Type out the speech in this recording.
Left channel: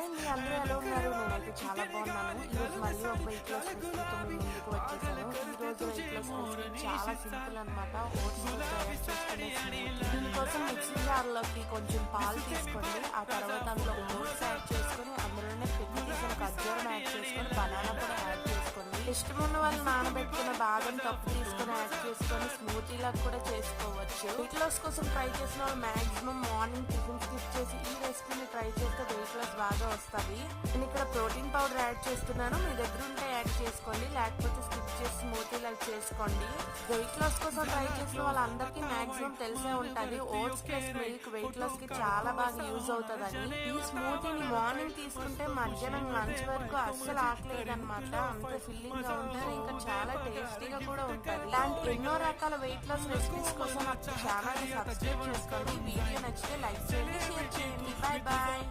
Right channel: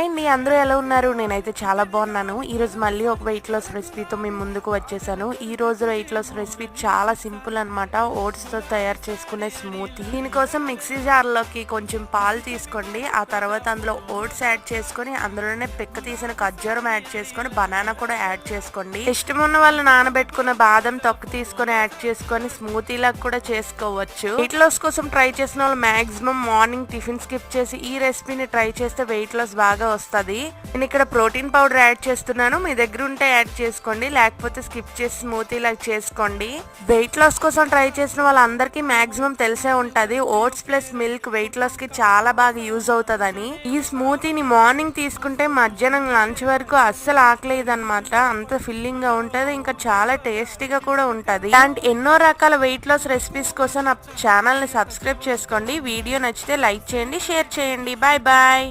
అండి అందరూ ఎలా ఉన్నారు? నేనైతే చాలా బాగున్నాను. ఈరోజు మళ్ళీ ఒక వెయిట్ లాస్ రెసిపీతో మీ ముందుకు వచ్చేసాను. ఈ రోజు వెయిట్ లాస్ రెసిపీ చాలా సింపుల్ అనమాట. ఓట్స్తో తయారు చేసుకునే స్మూతీ. దీనికోసం మిక్సీ జార్లోకి కొంచెం పాలు తీసుకోండి. ఆ తర్వాత అందులో ఓట్స్ యాడ్ చేసుకొని అందులోనే పిక్క తీసిన ఖర్జూరం యాడ్ చేసుకొని బనానా కూడా యాడ్ చేసుకోండి. ఇష్టం ఉన్న వాళ్ళు నానబెట్టుకున్న బాదం తొక్క తీసుకొని యాడ్ చేసుకొని స్మూతీలాగా కూడా చేసుకోవచ్చు. వెయిట్ లాస్ కోసం ట్రై చేసిన వాళ్ళు మాక్సిమం మార్నింగ్ టిఫిన్ స్కిప్ చేసి ఈ రెసిపీని ట్రై చేస్తే వెయిట్ లాస్ బాగా వస్తుంది. నేను ఇక్కడ ప్రోటీన్ పౌడర్ యాడ్ చేస్తున్నాను. మీ దగ్గర ఉంటే యాడ్ చేసుకోండి, లేకపోతే స్కిప్ చేసి స్మూతీ లాగా చేసుకోండి. వెయిట్ లాస్ కోసం ట్రై చేసిన వాళ్ళందరికీ మాక్సిమం తెలిసే ఉంటది oats plus milk weight loss కి చాలా బాగా యూజ్ అవుతుందని. ఈ స్మూతీని మార్నింగ్ తీసుకుంటే మధ్యాహ్నం లంచ్ వరకు అస్సలు ఆకలేదు అనమాట. అంత ఫిల్లింగ్ గా ఉంటది, ఇంకా చాలా టేస్టీగా కూడా ఉంటది. ఇలాంటి ఎన్నో రకాల వెయిట్ లాస్ రెసిపీస్ కోసం నా ఛానల్ ని సబ్స్క్రైబ్ చేసుకోండి. వీడియో నచ్చితే లైక్ చేయండి, షేర్ చేయండి. Bye bye.